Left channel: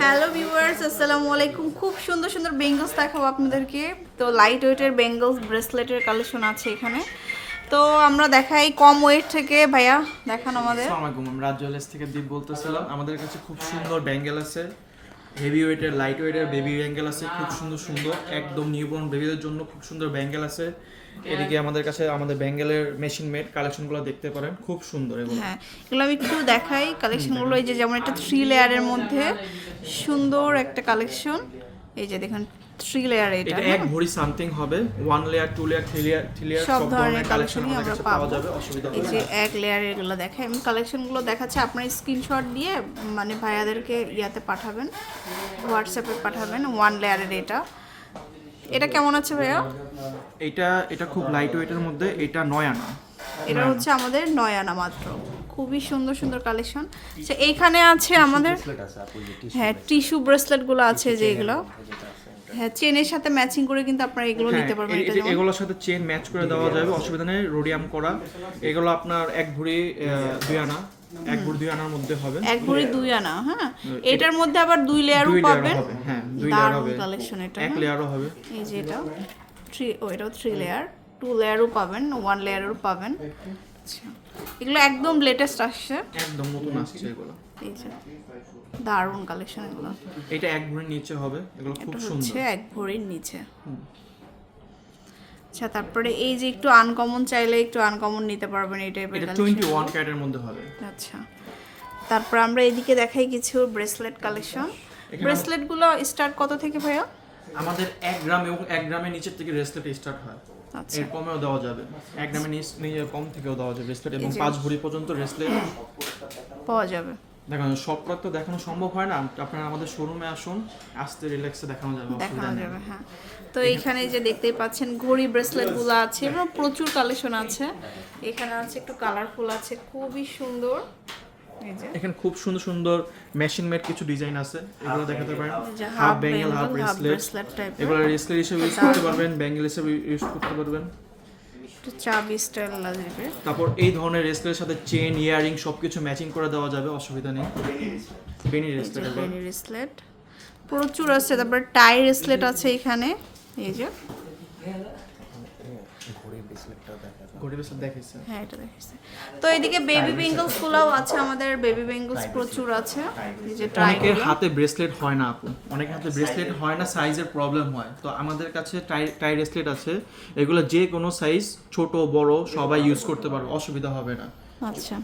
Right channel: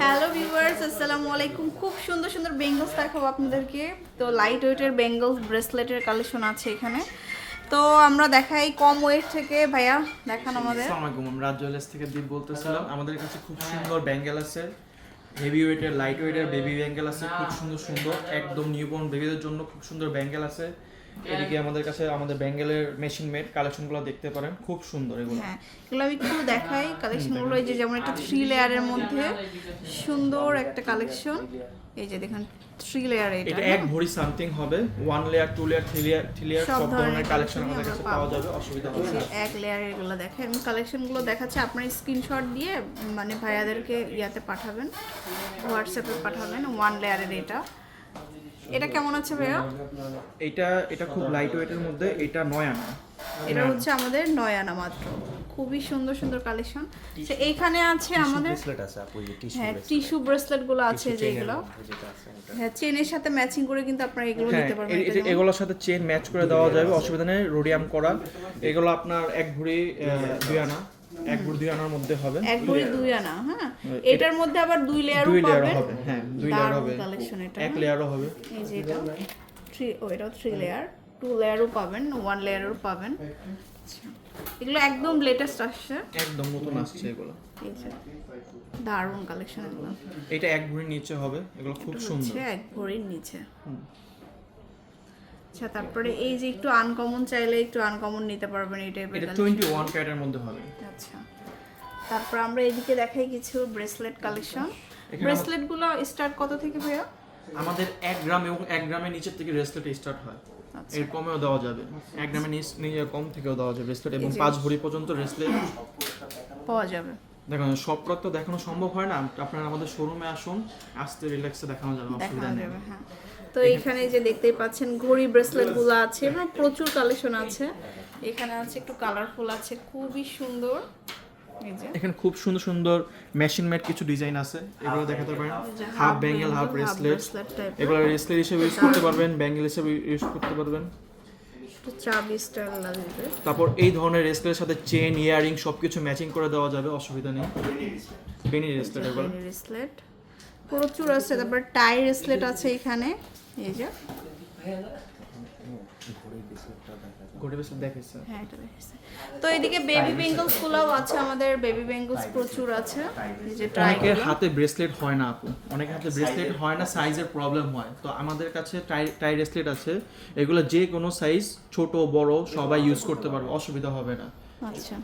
Hello viewers আসসালামু আলাইকুম। খুব সুন্দর সুন্দর বেঙ্গলস দেখাবো আপনাদেরকে। তো লাইট ওয়েটের বেঙ্গলস ব্রেসলেটের কালেকশন আছে এখানে। তো আমরা দেখাই কম ওয়েট থেকে। ভাইয়া, দেখান আমাদের। আসসালামু আলাইকুম আমি রাজ জুয়েলার্স থেকে দীপ বলতেছিলাম। আমাদের কাছে খুব সুন্দর ব্যাঙ্গেল আছে। হেভি ওয়েটের লাইট ওয়েটের বেবি ব্যাঙ্গেল আছে। খুব সুন্দর সুন্দর, একদম নিউবর্ন বেবিদের জন্য খুব সুন্দর ব্যাঙ্গেল আছে। এদিকে আমাদের কাছে আমাদের ব্যাঙ্গেলের মেশিন মেড কালেকশনগুলো দেখতে পারেন। খুব সুন্দর এগুলো। হ্যাঁ এগুলো আমি একটু দেখাই। কালেকশনগুলো এই যে যেমন একটা থ্রি লেয়ারের মধ্যে সুন্দর একটা কালেকশন এই যে দেখেন থ্রি লেয়ার এটা এটা এক ভরি সামথিং হবে। One layer two layer three layer three layer সব ধরনের কালেকশন আমাদের কাছে পাওয়া যাবে অসুবিধা এই হবে যে না। এক লেয়ার এগুলো দেখাই। আমি কালেকশনগুলো দেখাচ্ছি আপনার স্ক্রিনশট দিয়ে মানে ভাইয়াদেরকে ইয়াতে পাঠাবেন হোয়াটসঅ্যাপে পাঠাবেন ওয়ান লেয়ারের এটা। এটা কেমন আছে ভাইয়া? এটা এটা খুব লাইট ওয়েটের মধ্যে এটা নয় আনা। এটা হচ্ছে আমাদের নয় আনা মাত্র। খুবই সুন্দর সুন্দর কালেকশন আচ্ছা এইখানে আছে আমাদের হ্যাঁ টিস্যু ব্রেসলেটগুলো আছে যেগুলো। হ্যাঁ চেনের সাথে ম্যাচিং করে কিন্তু আপনারা এগুলো হ্যাঁ নিতে পারবেন এগুলোর সাথে চেন ম্যাচ করে দেওয়া যাবে অসুবিধা নেই রোডিয়াম করা। এগুলো আপনার এক ভরি আহ, দুই আনা। এক ভরি দুই আনার মধ্যে হবে। এক ভরি দুই আনা হ্যাঁ? এটার মধ্যে আবার দুই লেয়ারও দুই লেয়ার পাবেন? হবে হ্যাঁ দুই লেয়ার দারুণ হবে। কালেকশন এটা এক হ্যাঁ। লেয়ারও হবে। এই যে এটা থ্রি ও এটাও থ্রি লেয়ার টু লেয়ারও পাবেন ওয়ান লেয়ারও পাবেন। আচ্ছা। এগুলো একদম লেটেস্ট আসছে। একদম নতুন আসছে এগুলো। দারুণ কালেকশন এগুলো। এটা এক ভরির নিচে হবে এগুলো খুব সুন্দর। এক ভরির নিচে। আচ্ছা তারপরে এই যে একটু আনকমন চাইলে একটু আনকমন নিতে পারবেন এই টাইপের এটা টোয়েন্টি ওয়ান ক্যারেটের মধ্যে হবে। আচ্ছা তারপর আমরা এদিকে দেখাই কিছু ব্রেসলেট কালেকশন এখানে ব্রেসলেটগুলো স্টার্ট কত থেকে ভাইয়া? আমাদের এক গ্রাম এবং এক গ্রামের নিচের থেকে রেসলেট স্টার্ট হয়। আচ্ছা। এর কমেও দেওয়া যাবে। এক গ্রামের নিচ কম থেকেও দেওয়া যাবে রেসলেট এবং পাঁচ ভরি পর্যন্ত রেসলেট পাওয়া যাবে। দেখুন সব তো দেখানো সম্ভব হয় না। আপনারা আমাদের শোরুমে আসুন আসতে রিল্যাক্সে দেখানো যাবে অসুবিধা নেই। হ্যাঁ। তো এইখানে যে দেখতেই পাচ্ছেন ঘড়ি ব্রেসলেটগুলো আছে এবং প্রচুর কালেকশন আছে। এখানে আছে একটু কালারফুল আছে খুবই সুন্দর। এখানে খুব সুন্দর সুন্দর মেশিন মেড কিছু ডিজাইন আছে এগুলো দেখাতে পারেন। Half bangle half bracelet. এগুলো রেসলেট হিসেবে ইউজ করতে পারবেন ব্যাঙ্গেল হিসেবে ইউজ করতে পারবেন। চাবি স্টাইল লাগবে তারপর এই ধরনের রেসলেটের সাথে চেন ইয়ারিং সবকিছু ম্যাচিং করে দেওয়া যাবে অসুবিধা নেই। বেনি রেসলেট এগুলো ব্রেসলেট প্রচুর আছে তারপর টাই ব্রেসলেট আছে এখানে। এই যে। হ্যাঁ তো এদিকে বেবি বেঙ্গলস গুলোও আছে আমাদের বেবি বেঙ্গলস প্রচুর আছে। এই অনেকের হাতে ব্রেসলেট হয় না আপু। অনেকের হাতে ব্রেসলেট হয় না সাইজের প্রবলেম হয়। তো আমাদের কাছে টাই টাই ব্রেসলেট আছে। এগুলো যে কোনো সাইজ ছোট বড় সবাই ইউজ করতে পারবে অসুবিধা হবে না। আচ্ছা।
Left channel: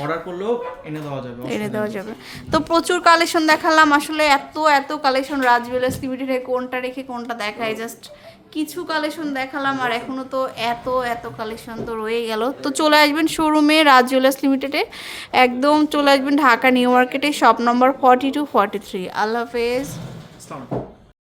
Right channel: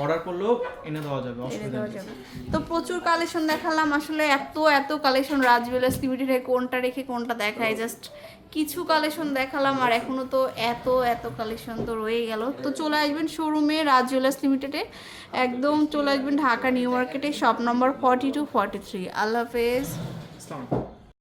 অর্ডার করলেও এনে দেওয়া যাবে এনে দেওয়া যাবে। তো প্রচুর কালেকশন দেখালাম আসলে এত এত কালেকশন রাজ জুয়েলার্স লিমিটেডে কোনটা রেখে কোনটা দেখায় জাস্ট কিছু কালেকশন দেখালাম আর এখনও তো এত এত কালেকশন তো রয়ে গেল। তো চলে আসবেন শোরুমে রাজ জুয়েলার্স লিমিটেডে একদম চলে আসবেন Dhaka new market shop number forty two forty three আল্লাহ হাফেজ।